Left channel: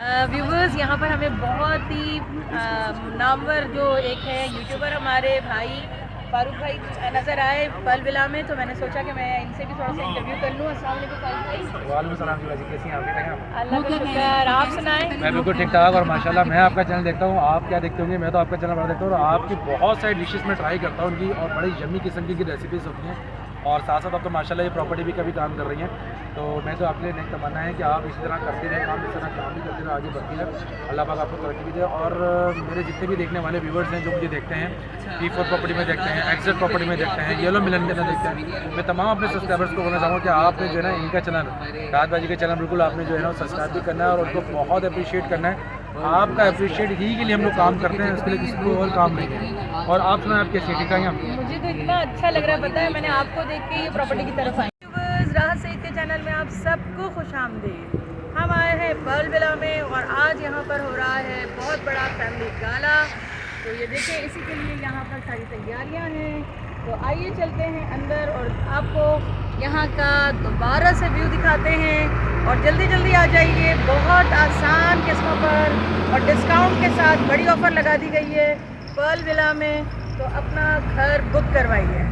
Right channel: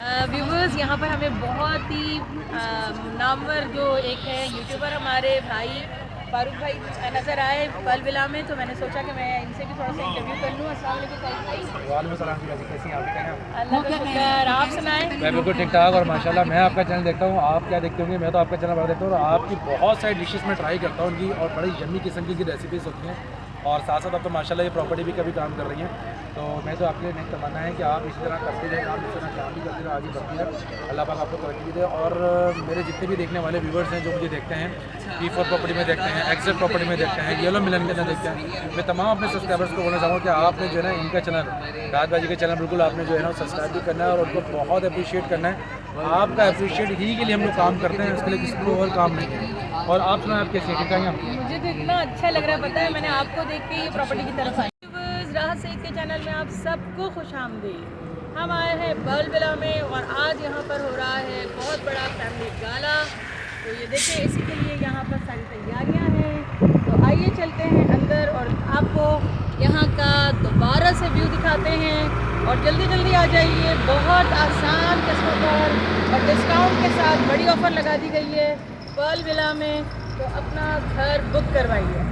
Viewers यहाँ पर हमें बहुत ही नामवर जो एक है यूट्यूबर हमारे भाई फारूक भाई नज़र आए पल विला में, तो मैंने सोचा कि मैं इनसे भी थोड़ा सा इंटरव्यू कर लूँ। अस्सलाम वालेकुम फारूक भाई। वालेकुम सलाम जी, कैसी हैं आप? ठीक हैं? अल्लाह का शुक्र, आप सुनाएं। मैं बिल्कुल ठीक ठाक और माशाल्लाह मैं आपका चैनल देखता हूँ। आप क्या देखते होंगे? मैं तो आपका चैनल बड़ा देखता हूँ और आपकी बहुत सारी डिशेस में ट्राई करता हूँ उनकी, और बड़ी यम्मी किस्म की रेसिपीज़ होती हैं। और साथ साथ आप तो माशाल्लाह ये प्रॉपर्टी भी कभी काम कर रही हैं, तो मैं तो आपके लिए नेक्स्ट तमन्ना है कि आप इसी तरह करते रहे काम, इस तरह काम भी करते रहे, आगे बढ़ती है। अल्लाह पाक आपको तरक्की भी दे। और मेरे जितने भी देखने वाले व्यूवर्स हैं जो मुझे देखते हैं, E4 प्रॉपर्टी में देखते हैं, एक्सेट प्रॉपर्टी में देखते हैं, येलो मिलन में देखते हैं, मैं तमाम अपने सब्सक्राइबर्स को बोलना चाहूँगा कि आपने जो है ना इनका चैनल राहत भाई के चैनल बिल्कुल आपने जो है ना सब्सक्राइब भी करना है और उनको बहुत अप्रिशिएट करना है। आपका अप्रिशिएट ही के लिए हम लोग काम करते हैं, उसके लिए किसी को और काम नहीं है। और आप सुना आप कैसे ठीक है? मुझे तो इतना अच्छा लग रहा है, पता है मैंने आपको देख के ये प्रॉपर्टी की तरफ आई। व्यूवर्स, राहत सईद के चैनल में आप सबको खुश आमदीद। हम आए हैं पल विला में और आज यहाँ पर हो रहा है बहुत बड़ा फैमिली गाला। तो ये देखिए, इसी के लिए यहाँ पर सारी तैयारियाँ हैं। तो आइए चलते हैं अंदर और आपको यहाँ का दोबारा से व्यू दिखाते हैं। और जल्दी जल्दी आ जाइए, बहुत आसान किस्तों पर और डिस्काउंट के साथ बड़ी ऑफ़र लगा दी गई है पल विला में, तो अपना घर बुक करवाइए।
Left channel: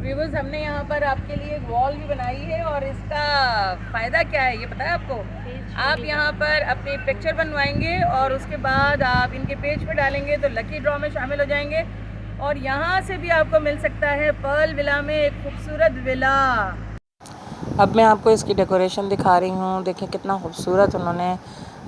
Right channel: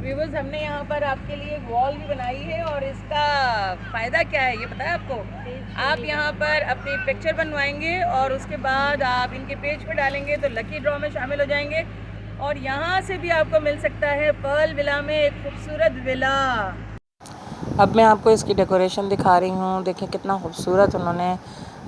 व्यूवर्स, हमने यहाँ पर आपके लिए एक वॉल भी बनाई है और इसका फ़ायदा क्या है ये पता है आपको? आप यहाँ पर अपनी पिक्चर बनवाएंगे और उसके बाद आप इनके पेज पे डालेंगे तो लकी ड्रॉ में शामिल हो जाएंगे और यहाँ से भी आपको मिल सकता है पल विला में एक खूबसूरत विला। अब मैं आपको इसकी डेकोरेशन दिखा रही हूँ। देखिए कितना खूबसूरत उन्होंने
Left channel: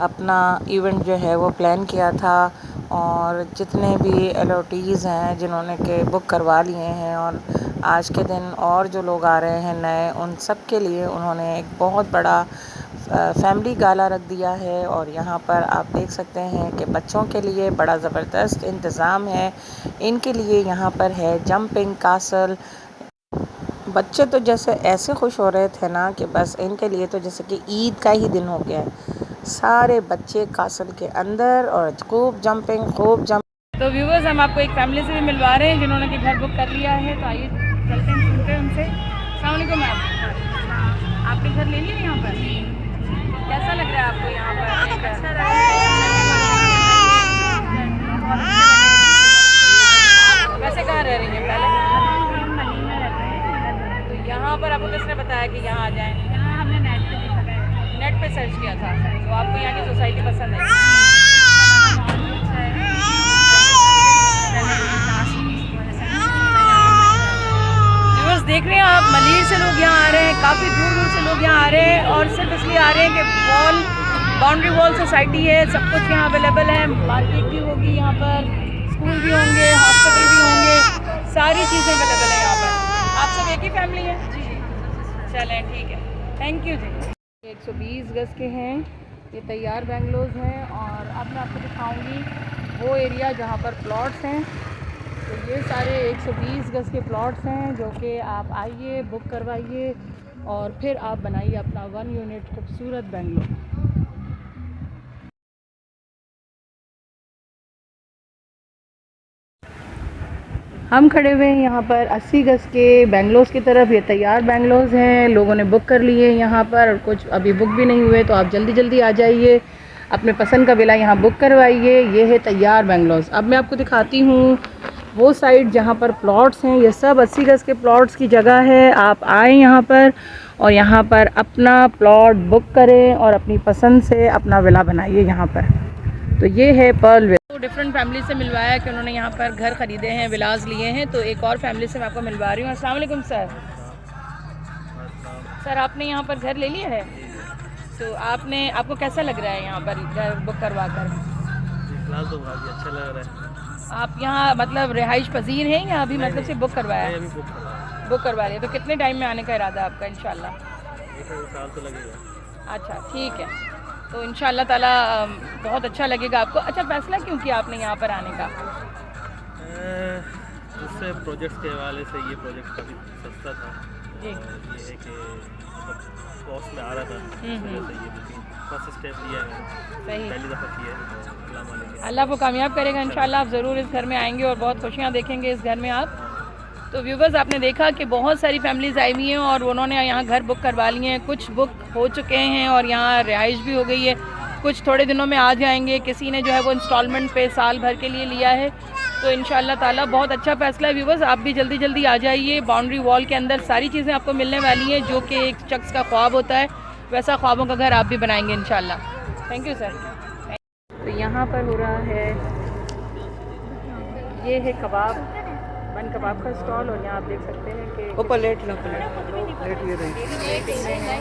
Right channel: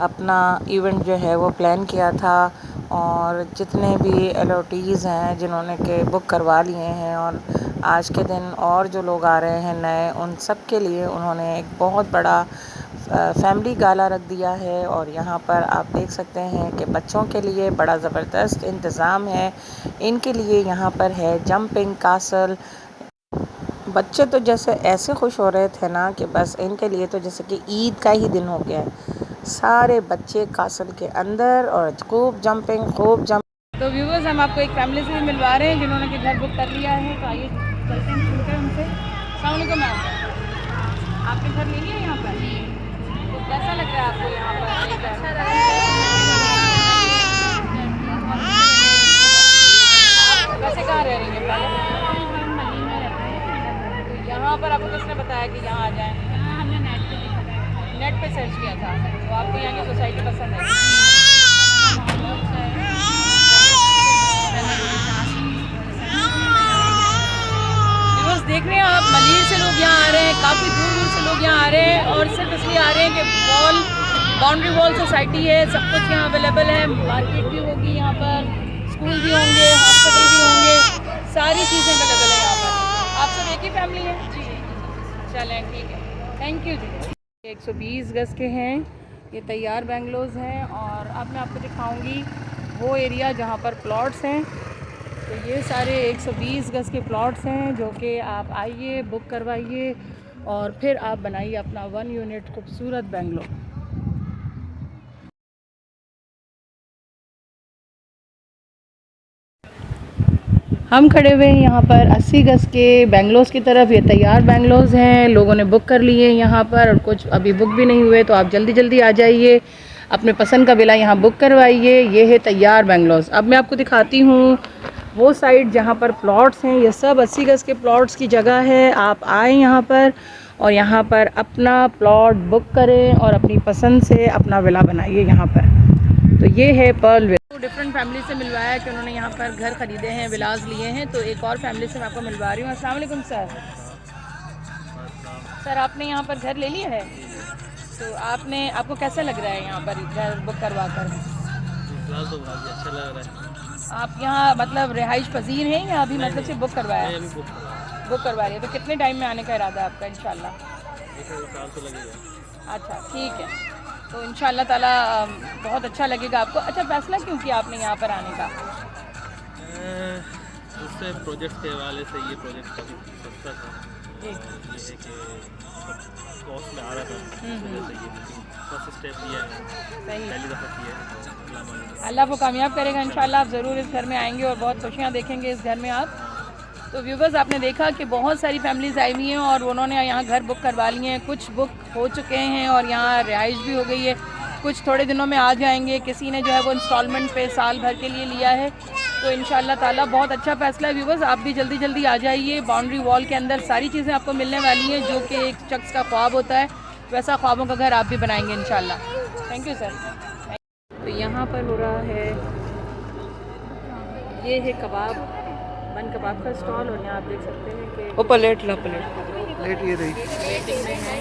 अपना इवेंट जो है वो प्लान किया था, और जितने भी एलओटीज़ हैं जिन्होंने के बुक करवा लिए हैं और आज के दिन और जो लोग आ रहे हैं नए, उन सब के लिए उन्होंने एक बहुत बड़ा फैमिली गाला रख दिया है। और यहाँ पर आप देख सकते हैं कि बच्चों के लिए बड़ा ज़बरदस्त इंतज़ाम है। इनके लिए यहाँ पर है जंपिंग कासल। बच्चे तो जैसे ऐसे खुश हो रहे थे ना कि बस इनके लिए तो जैसे कि ईद का ही दिन हो गया है। सारे बच्चे कासल के अंदर और खूब जंपिंग। तो व्यूवर्स, हम आपको एक फैमिली से भी मिलवा रहे हैं जिन्होंने कि घर बुक कर लिया है। तो आइए चलते हैं, सुनते हैं उनसे। अस्सलाम वालेकुम मैम, आपने घर ले लिया यहाँ पर? तो कैसा लग रहा है आपको यहाँ पर? अच्छा लग रहा है। वैसे कहाँ रह रही हैं पहले? हम मली में रहते हैं। तो यहाँ पर आपको किसने बताया कि यहाँ आ जाएँ? यहाँ हमने नेट पे देखा था, नेट पे सर्च किया था। तो आपको यहाँ की सोसाइटी पसंद है? देख रहे हैं आप, मलीर से लोग यहाँ आ रहे हैं, काफ़ी दूर दूर से लोग यहाँ आ रहे हैं और सिर्फ इसलिए आ रहे हैं कि बाउंड्री वॉल सोसाइटी है, सब कुछ यहाँ अवेलेबल है। मार्केट भी होगी यहाँ पर, स्कूल भी होंगे, हॉस्पिटल भी होंगे, सारी चीज़ें अवेलेबल है यहाँ पर। आप सब एक ही फैमिली है? चलें ठीक है, थैंक यू जी। 120 गज के हैं, ये तैयार बेंगलोज हैं। और अब मैं आपको दिखाऊँगी वो एरिया जहाँ पर प्लॉट्स हैं। तो ये सारे 120 गज के प्लॉट्स हैं जो कि आप आइए, बुक करवाइए और फिर आप बनाइए अपना 1 यूनिट खूबसूरत बेंगलोर। हम खड़े हुए हैं यहाँ पर 80 गज के बेंगलोस की तरफ। ये तैयार बेंगलोस हैं, लोगों ने बुक कर लिए यहाँ पर और कुछ अभी बुक भी नहीं हुए। तो आप जल्दी जल्दी आ जाइए, अपने पसंद का विला यहाँ बुक करवाइए। ये है तैयार बेंगलोस। अब मैं आपको दिखाती हूँ वो साइड जहाँ पर प्लॉट्स हैं। ये सब 80 गज के प्लॉट्स की जगह है। आप आएँ यहाँ पर और यहाँ पर अपना प्लॉट बुक करें और अपनी पसंद से अपना विला बनाइए यहाँ पर। तो ये है पर्ल विला। डिफरेंट फैमिली से मिलवाया कि उन्होंने यहाँ पर घर ख़रीदे हैं, विलाज लिए हैं। तो एक और फैमिली से मैं आपको मिलवा रही हूँ। अस्सलाम वालेकुम सर। सर, आपने यहाँ पर घर ले लिया है? तो आपको कैसा लग रहा है यहाँ पर घर बुक करवा कर? फिलहाल तो काफ़ी अच्छा लग रहा है। आप यहाँ मतलब रिहाइश पजीर हैं या अभी मतलब से बुक करवाया? नहीं, अभी बुक करवा रही है। तो कितने टाइम में आने का इरादा है आपका इंशाल्लाह? 1 साल तो लगेगा। अच्छा ठीक है, तो इंशाल्लाह ताला बहुत अच्छा लगेगा आपको। अच्छा, फैसला क्यों किया आपने यहाँ पर आने का? दूसरे प्रोजेक्ट के हवाले से ये प्रोजेक्ट काफ़ी सस्ता था और ये है कि मतलब कॉस्ट में आ रहा था, इस वजह से ये बुकिंग फर्स्ट स्टेप लिया है, पहली दफ़ा किया है। तो अल्लाह को कामयाब करेगा इंशाल्लाह। आप ज़रूर इस घर में आएंगे और बहुत खुशियाँ देखेंगे इस घर में आप। तो व्यूवर्स, आपने देखा कि बहुत सारी फैमिलीज़ आई हुई हैं और उन्होंने यहाँ घर बुक करवा लिए हैं। कुछ बुक हो चुके हैं और यहाँ रिहाइश भी हो गई है। कुछ थोड़े दिनों में आ जाएंगे, किसी ने जो है वो इंस्टॉलमेंट पे साल भर के लिए लिया है। तो इंशाल्लाह ताला बहुत अच्छा फ़ैसला है व्यूवर्स, आप भी जल्दी जल्दी आ जाइए। बाउंड्री वॉल के अंदर सारी चीज़ें आपको मिलने वाली हैं, जो कि एक शख्स का ख्वाब होता है, वैसा ख्वाबों का घर आप भी बनाएंगे इंशाल्लाह। Thank you sir. तो यहाँ पर हो रहा है, ये है कबाब, बन कबाब का स्टॉल, और यहाँ आप देख सकते हैं कि वो प्लेट ये रही वेटिंग में है।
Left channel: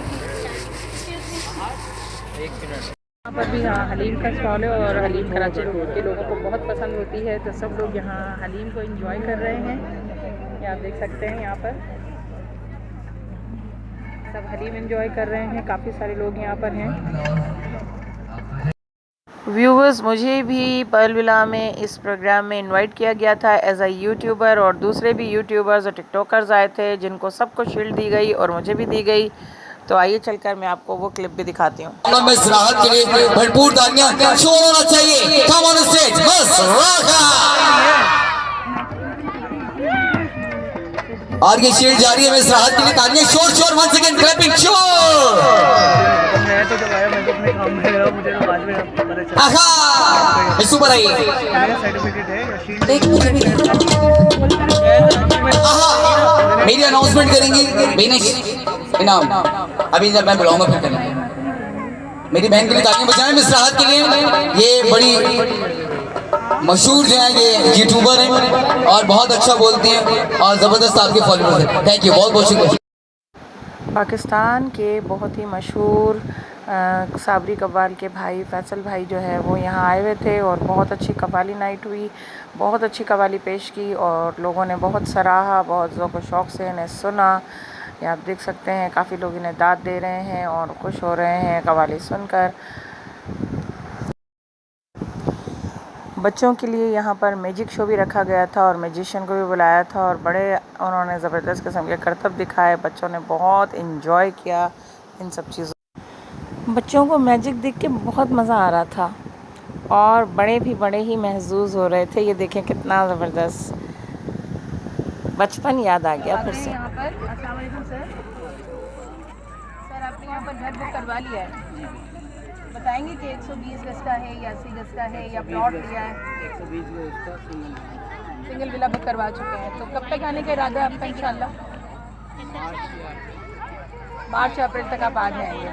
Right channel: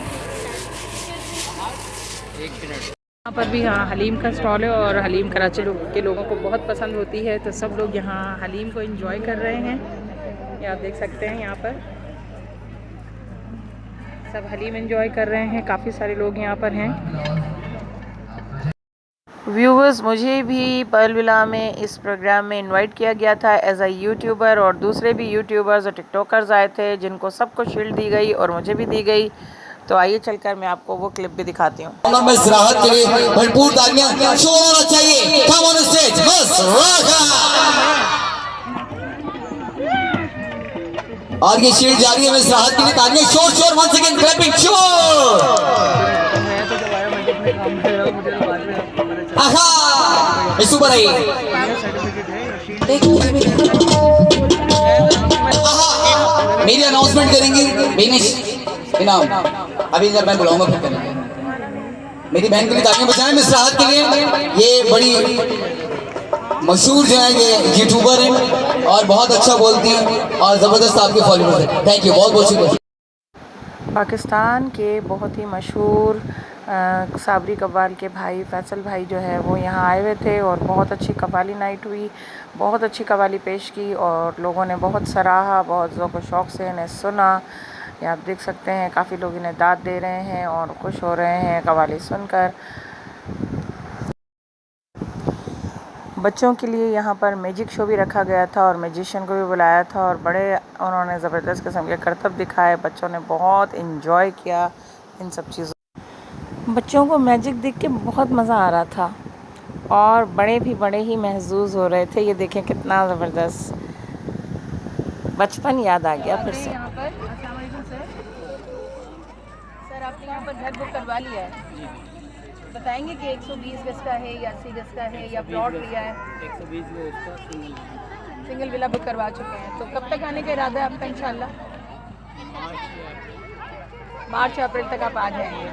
यहाँ पर भी हाँ हलीम का स्टॉल है, और हलीम कराची के लोगों को बहुत पसंद होती है, तो सब लोग यहाँ हलीम को एंजॉय कर रहे हैं। ये आप देख सकते हैं यहाँ पर सब हलीम एंजॉय कर रहे हैं, काफ़ी सारे लोग यहाँ पर हैं। व्यूवर्स, मुझे भी पर्ल विला में इस प्रोग्राम में इनवाइट किया गया था एज अ यूट्यूबर, और दूसरे भी यूट्यूबर्स और टिकटॉकर्स आए थे जिनको सबको शील्ड दी गई और मुझे भी दी गई। तो आइए चलकर मैं आपको वो क्लिप भी दिखाती हूँ। राहत के लिए भरपूर तालियां शोर होना चाहिए। कम ऑन स्टेज बस और ये शील्ड जारी है मिस राहत के लिए, तालियां शोर शोर वंस अगेन क्लैपिंग शोर। आहा सुपर आई। मेरी अनाउंसमेंट करेंगी इनाम अभी जब मैं बुलाऊंगा फिर करेंगे। मेरी बहन के लिए तालियां बजाएं मिस राहत के लिए। ये बड़ी मशहूर जो है ये यूट्यूबर हैं और बहुत अच्छा बोलती हैं और ज़बरदस्त आपके फॉलोअर्स हैं। थैंक यू, बहुत बहुत शुक्रिया। पाकिस्तान के बहुत ही मशहूर साबरी कव्वाल के भाई फैसल भाई जो है वो यहाँ आए हुए थे, और बहुत अच्छी कव्वाली नाइट हुई, बहुत अच्छी कव्वाली पेश की और लोगों ने बहुत सराहा, बहुत ज़ौक़ व शौक़ से इन्हें सुना। ये आप देख सकते हैं काफ़ी लोग इन्हें दाद दे रहे हैं और खुश हो रहे हैं कव्वाली सुनकर। बच्चों के लिए यहाँ पर मैजिक शो भी रखा गया था और मैजिशियन को भी बुलाया था, और बड़े उन्होंने ज़बरदस्त किस्म के करतब दिखाए। बच्चों ने बहुत इन्जॉय किया इन सब चीज़ों। बच्चों को मैजिक देख के बहुत मज़ा आ रहा था, और बड़े भी बड़े ही महजूज़ हो रहे थे। ये देखें कितना ज़बरदस्त, बचपन याद आ गया फिर से। यहाँ पर अस्सलाम वालेकुम सर, आपने यहाँ पर घर बुक करवा लिया है, बताएंगे कि 120 गज का है या 80 गज का है या प्लॉट लिया है? 120 गज का सिंगल विला बुक करवा चुके हैं। तो कब तक आने का इरादा है आपका? इंशाल्लाह मार्च अप्रैल तक आप आ जाएंगे।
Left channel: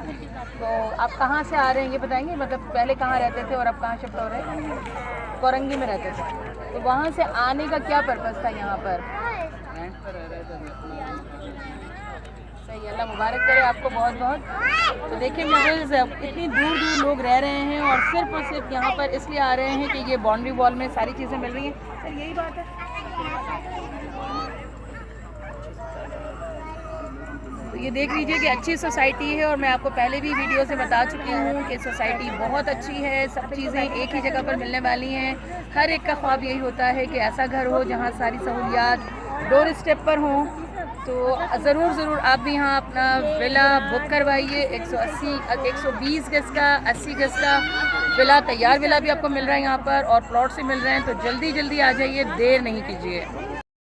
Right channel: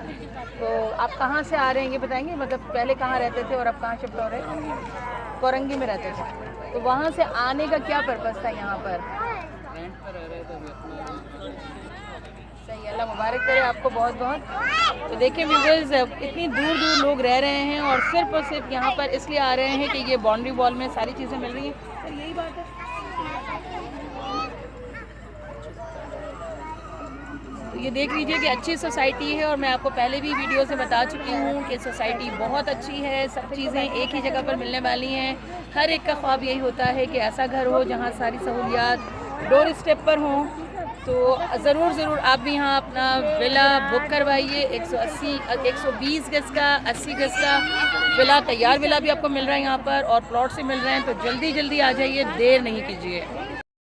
तो आप कहाँ से आ रहे हैं ये बताएंगे, मतलब पहले कहाँ रहते थे और अब कहाँ शिफ्ट हो रहे हैं? कोरंगी में रहते थे, तो वहाँ से आने का क्या पर्पज़ था यहाँ पर? सही, अल्लाह मुबारक करे आपको बहुत बहुत। तो देखिए व्यूअर्स, इतनी दूर दूर लोग रह रहे हैं और सिर्फ यहाँ पर इसलिए आ रहे हैं कि ये बाउंड्री वॉल में सारी चीज़ें मिल रही हैं। सर यही बात है। तो ये देख लीजिए कि अच्छी सोसाइटी है, और मैं आपको पहले भी वीडियो से बता चुकी हूँ कि सोसाइटी बहुत अच्छी है, सब चीज़ें एक ही जगह पर मिलने वाली हैं। हर एक का ख्वाब यही होता है कि ऐसा घर हो जहाँ सारी सहूलियात डोर स्टेप पर हों। तो ज़रूर आप भी यहाँ अपना विला बुक करवाइए। 120 गज का, 80 गज का विला, तैयार विला भी आपको मिल रहा है यहाँ पर, और प्लॉट से मिल रहे हैं। तो जल्दी आ जाइए, देर नहीं कीजिए।